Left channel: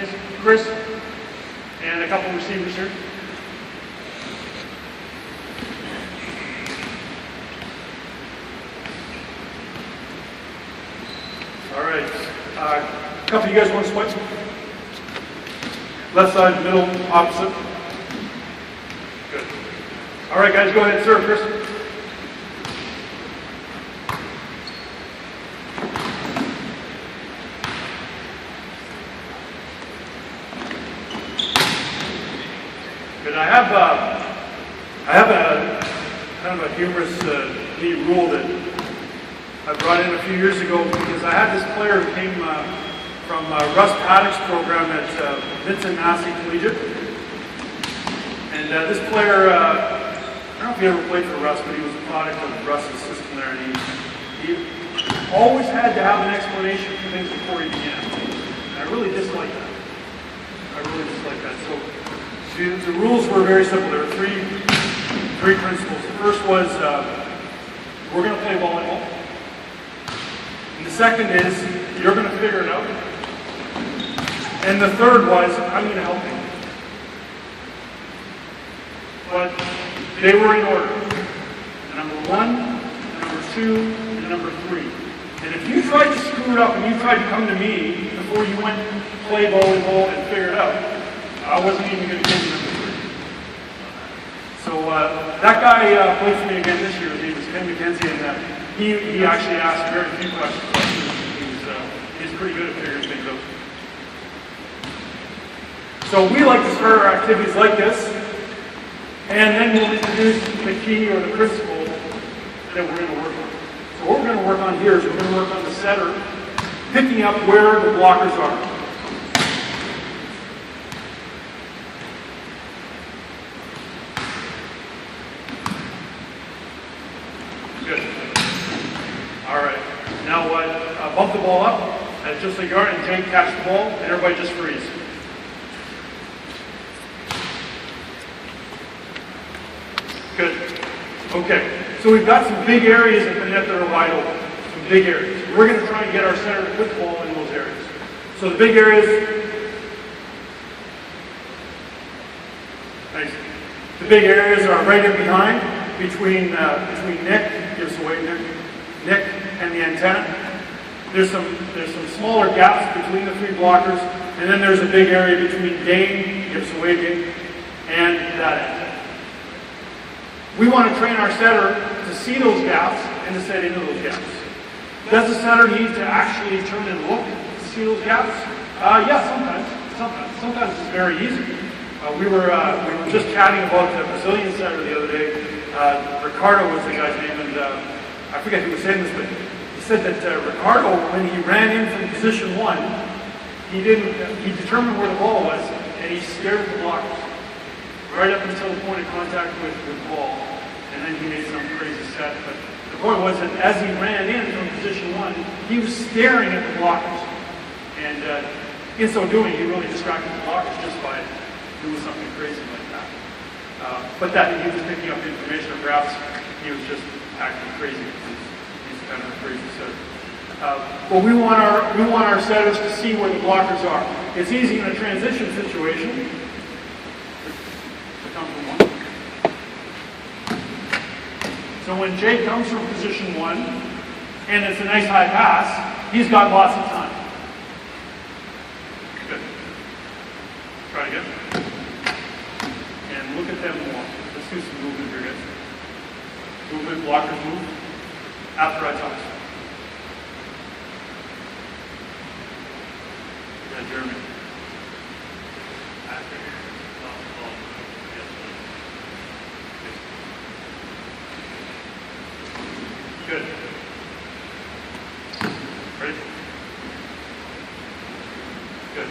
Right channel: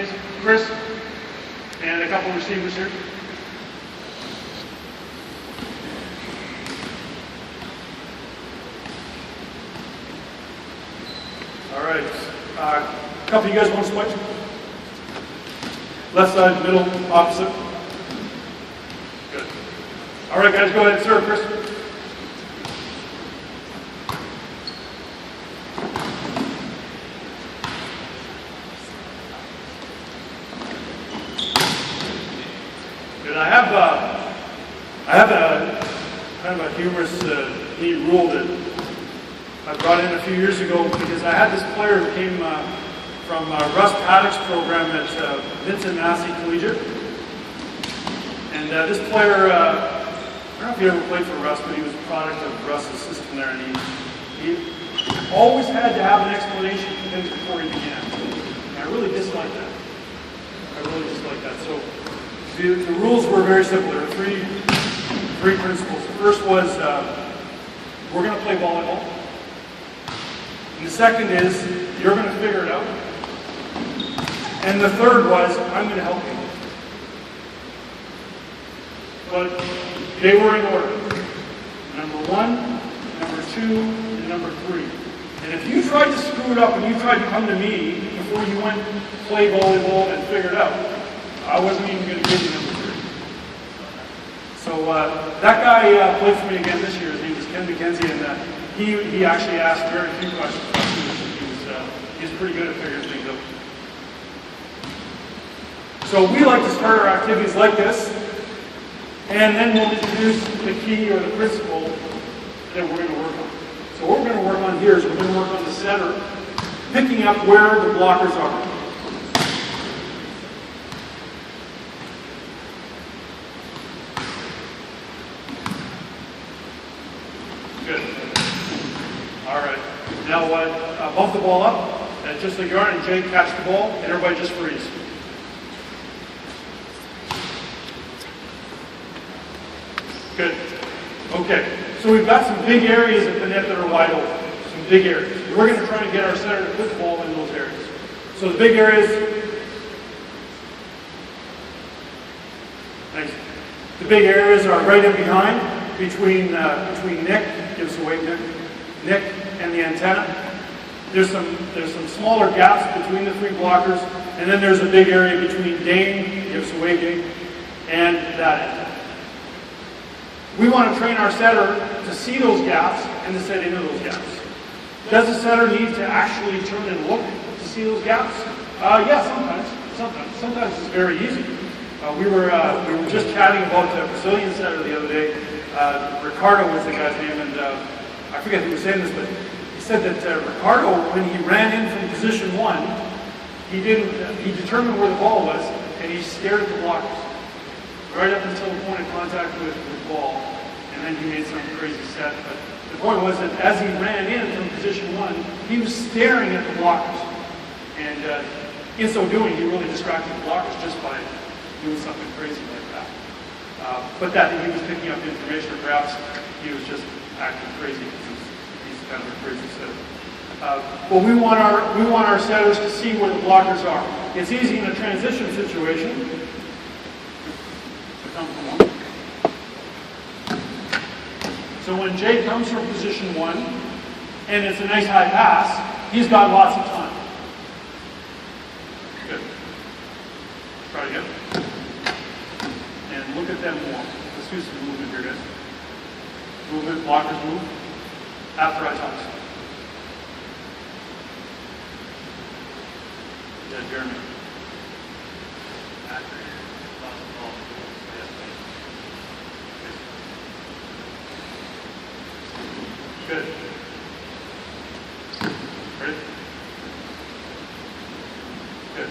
Thanks, Chris. And a couple receivers here. All right. A couple of you guys want to split? Left side, middle, opposite. Good. All right, guys, go ahead and serve, Chris. Good. I have a kind of a humorous, neat rule that I brought in a few years ago because I had this player who came from Russ Paddock's program at Vincent Massey Collegiate. And this player, I don't know if he ever played for Russ, but he was a product of Russ's system there. And he always had to have an explanation for things before he began. And I really dislike that. So the rules were very simple. There were three principles. The first was we're going to play volleyball. And the second is you're going to figure it out. And the third was I'm going to help you. But they were in order. Number 1, number 2, and number 3. And if you tried to screw it up and you tried to come to me before you went to play volleyball and figure it out, I wasn't even going to give you number 3. So that guy played for me again this year. His name was Ken McKenzie, and he actually asked very few questions. He was pretty good at figuring things out. So we like to start our activities like this, and then we'll introduce the key or the principle that we're going to work on. So what we're going to work on here is we're going to work on the setter, picking up where the blockers are. Good. All right. Now bump the ball up, and just like you are, and Jake catch the ball, and everybody just freeze. Good. Okay. So we've got some big areas of the net that are wide open. Some big areas. We're going to try and get our center to put the ball in those areas. So the big areas. Nice. The big areas are right in behind, between Nick, give us away Nick and the antenna. There's some smaller gaps between the 3 blockers, and then there's a big area between Dane, give us away Dane, and that end. We want to train our setter to see those gaps and to set into those gaps. Does the setter need to actually turn and look to see those gaps? Yeah, sometimes it's very easy. We were just chatting about the Brazilian setter the other day. Ricardo was the guy's name, and I forget who was saying this, but he said that Ricardo, when he ran in from position 1, he determined where the ball was, and he stared at the blockers right up until the point of contact with the ball, and then he made some crazy set. But the point was that as he ran in from position 1, he was staring at the blockers, and in so doing, he really distracted the blockers just by doing something crazy like that. But that he was picking up information, or perhaps he was just acting crazy because he's kind of a crazy setter. But we want our setters to see where the blockers are. It's easy in a transition situation to come from 1. So when Jay comes from position 1, and it's a nice high pass, he's got lots of time. Good. Try again. And look at them more. Let's do some movement here, guys. Movement, blockers move. After I toss. Is that Jeremy? After. Good. Ready? Good.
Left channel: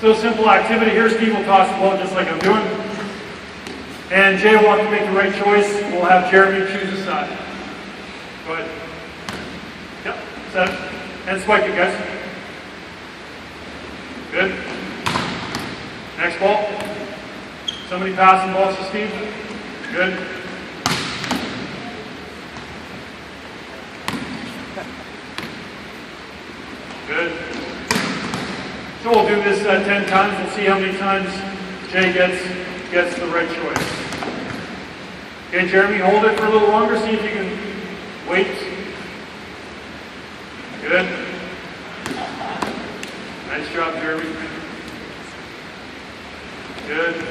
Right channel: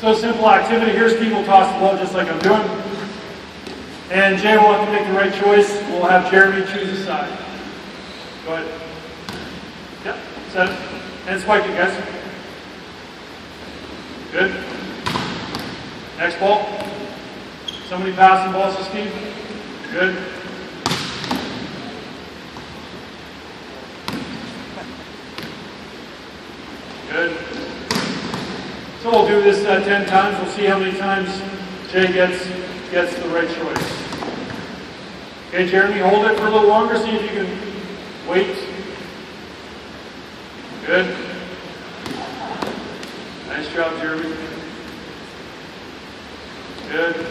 So simple activity. Here Steve will toss the ball just like I'm doing. And Jay will have to make the right choice. We'll have Jeremy choose a side. Go ahead. Yep. Set it. And spike it, guys. Good. Next ball. Somebody passing balls to Steve. Good. Good. So we'll do this 10 times. We'll see how many times Jay gets the right choice. Okay, Jeremy, hold it for a little longer. See if you can wait. Good. Nice job, Jeremy. Good.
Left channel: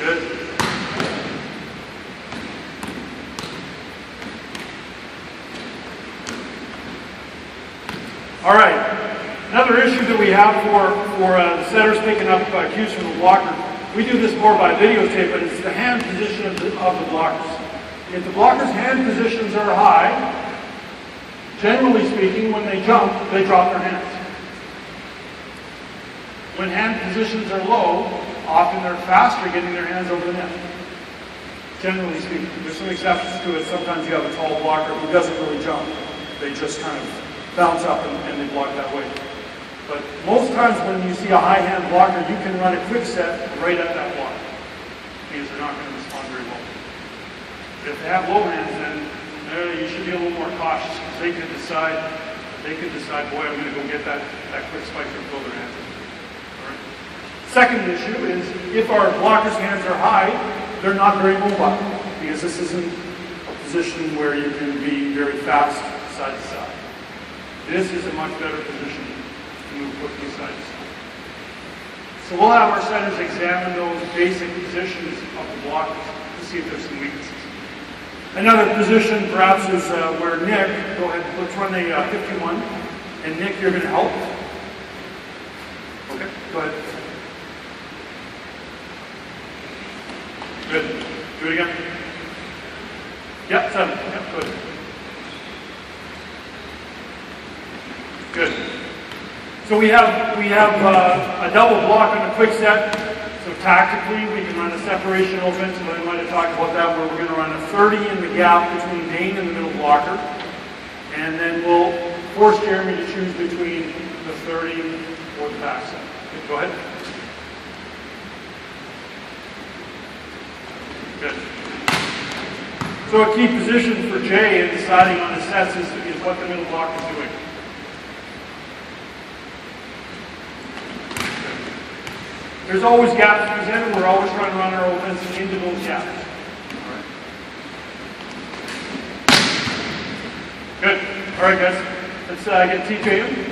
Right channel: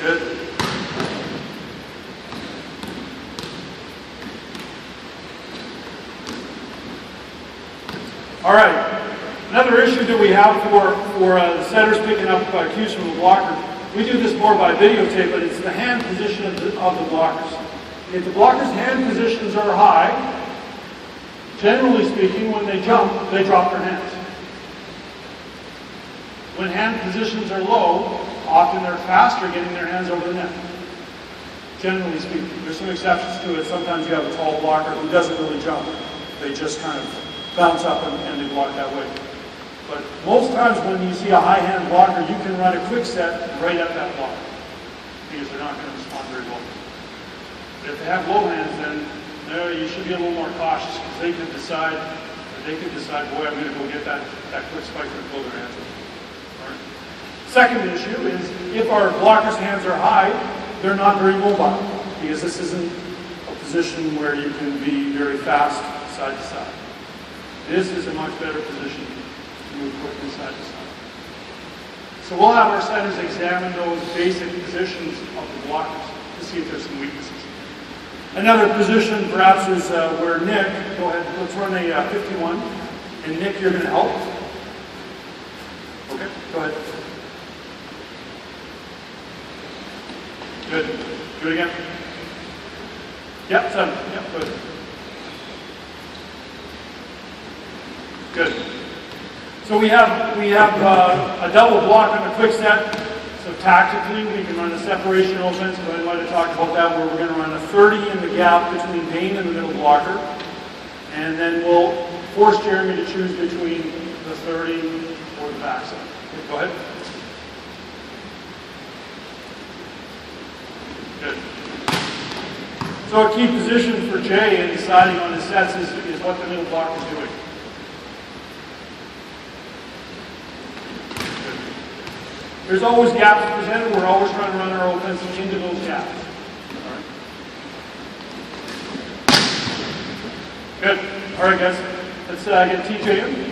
Good. All right. Another issue that we have for the setters picking up cues from the blocker, we do this more by videotape, but it's the hand position of the blockers. If the blockers' hand positions are high, generally speaking, when they jump, they drop their hands. When hand positions are low, often they're faster getting their hands over the net. Generally speaking, there's some exceptions to it. Sometimes you have a tall blocker who doesn't really jump. They just kind of bounce up and they block that way. But most times when you see a high hand blocker, you can run a quick set right at that blocker because they're not going to respond very well. If they have low hands, then you should be a little more cautious because they can decide, boy, I'm going to go get that quick spike and throw their hands up. Right. Second issue is if our blockers' hands are high, they're not very mobile because this isn't a position where you can be very fast side to side. This is a much better position to move quickly side to side. So we'll have our setters examine those basic positions of the blockers to see if there's some weaknesses. Another position perhaps is where Nick, go ahead, let's run a 51. And Nick, you're going to help. Okay, go ahead. Good. Do it again. Yep, 7. Yep, good. Good. So we have a double block on a quick set. So tactically, we can run a separation offense, but I want to talk about that where we're going to run a 30 in the gap between Dane and the middle blocker. And then we'll force Jeremy to choose between the 30 or the backside. Okay, go ahead. Good. So a key position for Jay in deciding on his sets is what the middle blocker is doing. There's always gaps presented. We're always trying to run our offense into those gaps. All right. Good. All right, guys. Let's get TJ in.